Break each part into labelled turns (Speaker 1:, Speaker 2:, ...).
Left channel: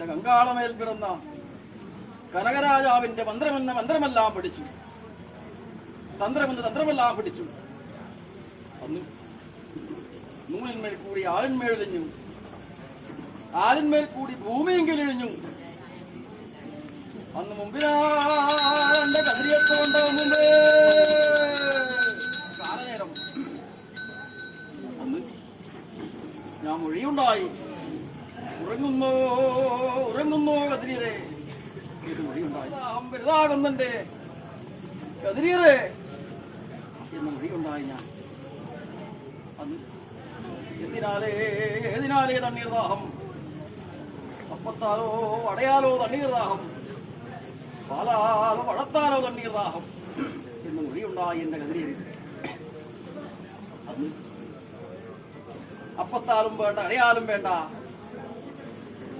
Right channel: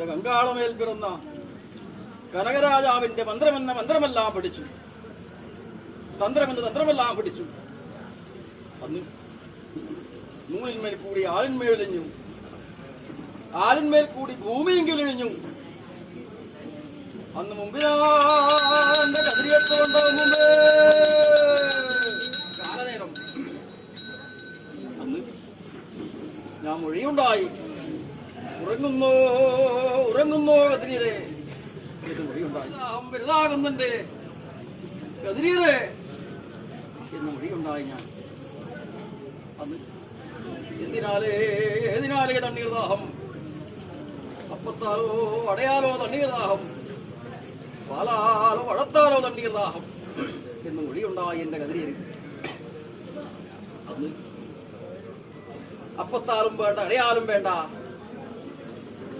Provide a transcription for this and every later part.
Speaker 1: എന്റെ കങ്കാളമേൽ പിറന്ന കനകരാജാവിന്റെ മന്ത്രമെന്ന മന്ത്രമെല്ലാം പഠിച്ചു. തന്ത്രമെന്ന തന്ത്രമെല്ലാം പഠിച്ചു. അന്ന് നൂലിന്മേൽ കൂടി ആലിന്മേലിഞ്ഞു ആലിന്മേൽ കൂടി ഭൂമിയെങ്കിലിഴിഞ്ഞു അന്ന് മുമ്പിനാന്റെ കതിരിയത്തോണ്ട കാലനേരം അന്ന് ഞാൻ മൊഴിയുണ്ടായി. ഉറങ്ങുന്നോ ഉറങ്ങുന്നോ കതിരീരെ അഹം വലുതാകുന്നുണ്ട്. കതിരീരെ എന്ന് മൊഴിയുണ്ടായി ഞാൻ. അന്ന് എന്തിനാലേ ഏതിനാലേ തണ്ണീർ ദാഹം അപ്പത്താലോ അടയാലോ തണ്ണീർ ദാഹം പാലാലോ വളത്താലോ തണ്ണീർ ദാഹം എന്ന് മൊഴിയുണ്ടായി എന്റെ കതിരീര് അന്ന് അപ്പത്താലും വേണ്ട അടയാലും വേണ്ട.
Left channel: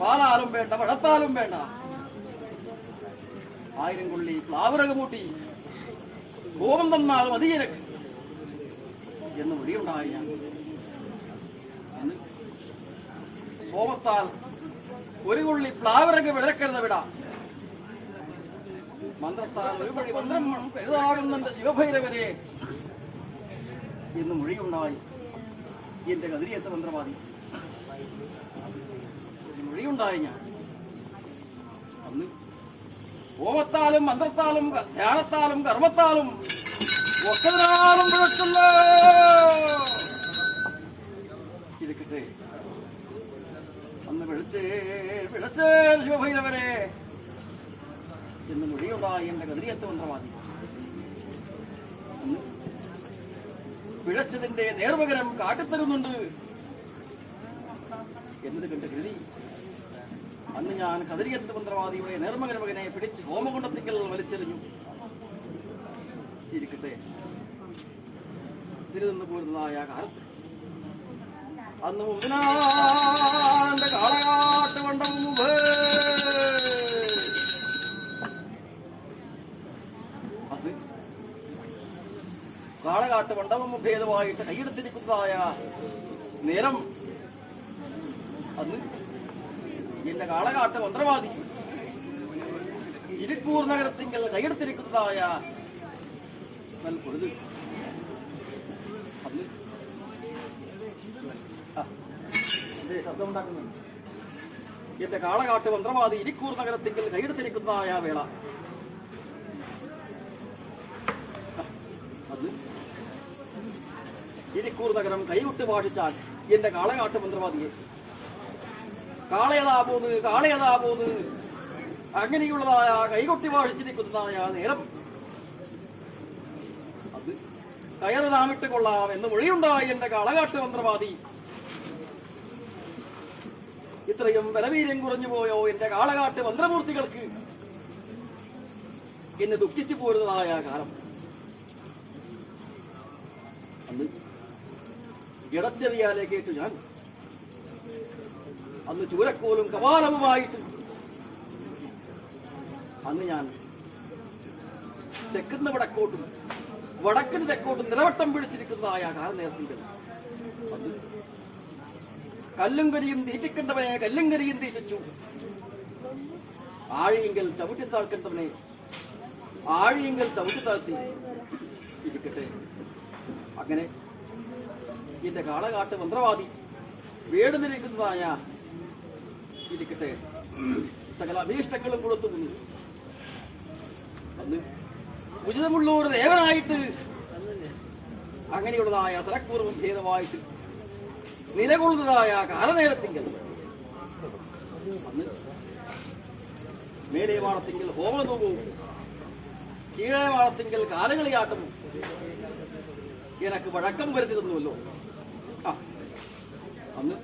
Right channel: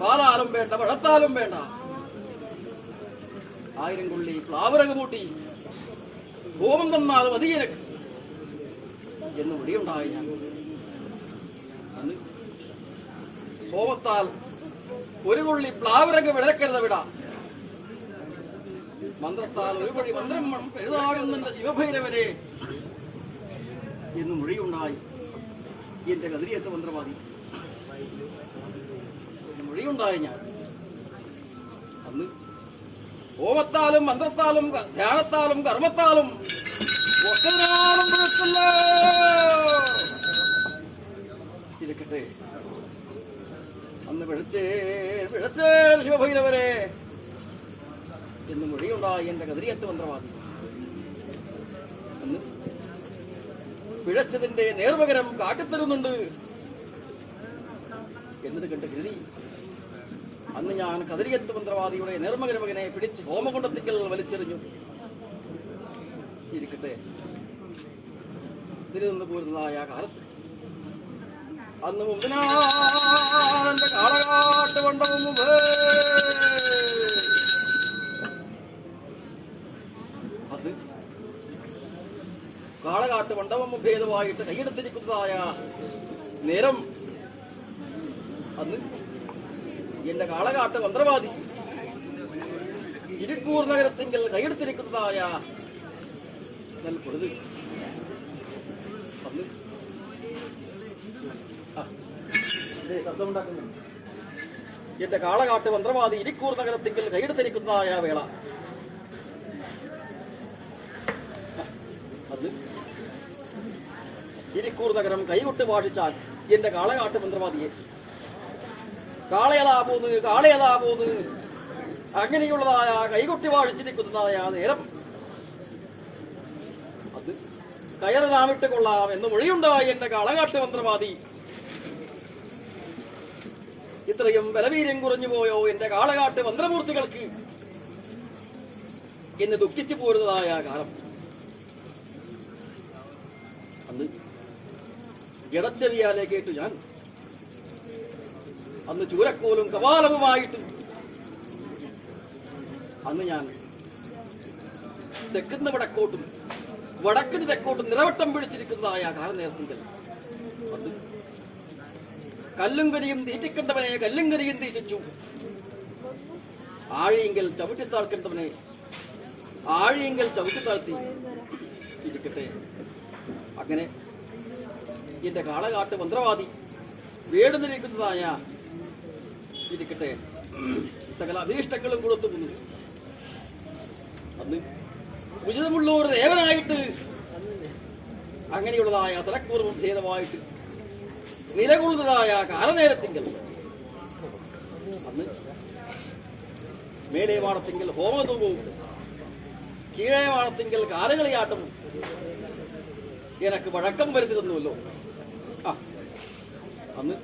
Speaker 1: പാലാലും വേണ്ട വഴത്താലും വേണ്ട. ആയിരം കൊള്ളി പ്ലാവറക മൂട്ടി കോപം തന്നാലും അധികരക്ക് എന്ന് വിളിയുണ്ടായി ഞാൻ. കോപത്താൽ ഒരു കൊള്ളി പ്ലാവരക വിളക്കരുത് വിട. മന്ത്രത്താൽ ഒരു വഴി മന്ത്രം പെരുതാകുന്ന ശിവഭൈരവരെ. എന്ന് മൊഴിയുണ്ടായി എന്റെ കതിരിയത്ത് മന്ത്രവാദി. മൊഴിയുണ്ടായി ഞാൻ അന്ന് ഹോമത്താലും മന്ത്രത്താലും ധ്യാനത്താലും കർമ്മത്താലും ഒക്കതിനാലും പിഴച്ചല്ലോ? ഇരിക്കട്ടെ. അന്ന് വിളിച്ചേ വിളിച്ചേ ശിവഭൈരവരെ. എന്ന് മൊഴിയുണ്ടായി എന്റെ കതിരിയത്ത് മന്ത്രവാദി. അന്ന് പിഴച്ചതിന്റെ നേർപകരം കാട്ടിത്തരുന്നുണ്ട്. എന്നത് കണ്ട് കരുതി അന്ന് ഞാൻ കതിരിയത്ത് മന്ത്രവാദിയുടെ നിർമ്മകരമകനെ മകനെ പിടിച്ച് ഹോമകുണ്ടത്തിക്കൽ വലിച്ചെറിഞ്ഞു. ഇരിക്കട്ടെ. പോരുന്നതായ കാലത്ത്. അന്ന് കാളകാട്ട് മണ്ഡപം മുമ്പേ. അത് കാളകാട്ട് മണ്ഡപം ഭേദമായിട്ട് കൈയെടുത്തിരിക്കുന്നതായ നേരം അന്ന് എന്റെ കാളകാട്ട് മന്ത്രവാദി. ഇരിക്കൂർ നഗരത്തിങ്കൽ കൈയെടുത്തിരിക്കുന്നതായ. എന്റെ കാളകാട്ട് മന്ത്രവാദി ഇരിക്കൂർ നഗരത്തിങ്കിൽ കൈയെടുത്തിരിക്കുന്നതായ വേള. ഇരിക്കൂർ നഗരം കൈകൊട്ട് പാടിച്ചാൽ എന്റെ കാളകാട്ട് മന്ത്രവാദിയെ കാളയതാ പോന്ന് കാളയതാ പോന്ന് അങ്ങനെയുള്ളതായ കൈകൊട്ടി വാഴിച്ചിരിക്കുന്നതായ നേരം. അത് കയറ് താമിട്ട് കൊള്ളാം എന്ന് മൊഴിയുണ്ടായി എന്റെ കാളകാട്ട് മന്ത്രവാദി. ഇത്രയും ബലവീര്യം കുറഞ്ഞു പോയോ എന്റെ കാളകാട്ട് മന്ത്രമൂർത്തികൾക്ക്? എന്ന് ദുഃഖിച്ചു പോരുന്നതായ കാലം. അന്ന് ഇടച്ചെവിയാലെ കേട്ടു ഞാൻ. അന്ന് ചൂരക്കോലും കവാലവുമായിട്ട്. അന്ന് ഞാൻ തെക്കുന്ന വടക്കോട്ടും വടക്കിന് തെക്കോട്ടും നിറവട്ടം പിടിച്ചിരിക്കുന്നതായ കാലനേരത്തിൽ അത് കല്ലും കരിയും തീറ്റിക്കേണ്ടവനെ കല്ലും കരിയും തീറ്റിച്ചു. ആഴിയെങ്കിൽ ചവിട്ടിത്താഴ്ക്കേണ്ടവനെ ആഴിയെങ്കിൽ ചവിട്ടിത്താഴ്ത്തി ഇരിക്കട്ടെ. അങ്ങനെ എന്റെ കാളകാട്ട് മന്ത്രവാദി വേടുന്നിരിക്കുന്നതായ ഇരിക്കട്ടെ. സകല അഭീഷ്ടങ്ങളും കൊടുത്തു നിന്നു. അന്ന് ഉചിതമുള്ള ഒരു ദേവനായിട്ട്. അങ്ങനെയുള്ളതായ തലക്കൂർവം ഭേദമായിട്ട് നിലകൊള്ളുന്നതായ കാലനേരത്തിങ്കൽ. അന്ന് മേലെ മാടത്തിങ്കൽ ഹോമധൂപവും കീഴേ മാടത്തിങ്കൽ കാലകളിയാട്ടവും എനക്ക് വഴക്കം വരുത്തിരുന്നുവല്ലോ അന്ന്.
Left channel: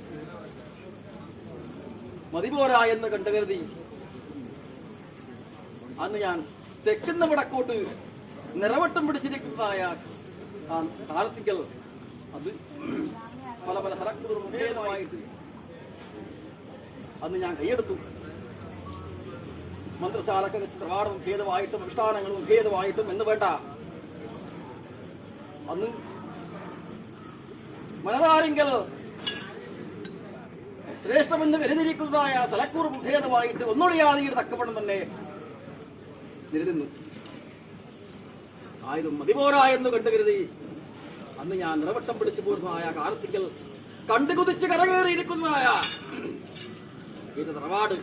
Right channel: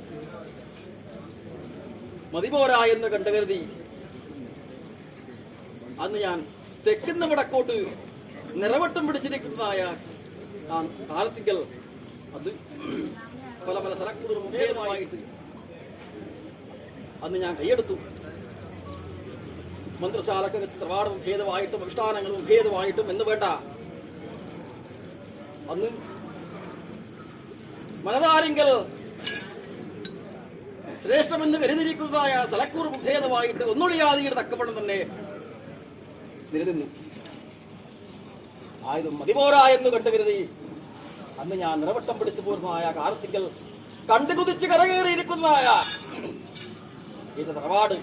Speaker 1: മതിപോരാ എന്ന് കണ്ടു കരുതി. അന്ന് ഞാൻ തെക്കുന്ന വടക്കോട്ട് നിറവട്ടം പിടിച്ചിരിക്കുന്നതായ ആ കാലത്തിങ്കൽ അത് പല പല സ്ഥലക്കൂറും ഭേദമായിട്ട് അന്ന് ഞാൻ കൈയെടുത്തു. മന്ത്രിശാലക്ക് ത്രവാടവും ഭേദമായിട്ടും അനുഷ്ഠാനങ്ങളും ഭേദമായിട്ടും എന്ന് വേണ്ട. അന്ന് മനതാരെങ്കിൽ ശ്രേഷ്ഠമെന്ന് കരുതിരിക്കുന്നതായ തലക്കൂർ ഭേദമായിട്ട് ഒന്നൊഴിയാതെയുടെ തക്കവണ്ണം തന്നെ നിരുന്നു ആയതും മതിപോരാ എന്ന് കണ്ടു കരുതി. അന്ന് ഞാൻ നിറവട്ടം പിടിച്ചു പോരുന്നതായ കാർത്തിക്കൽ കണ്ടു കുതിച്ച് കരകയറിയിരിക്കുന്നതായ ഇത് തറവാട്.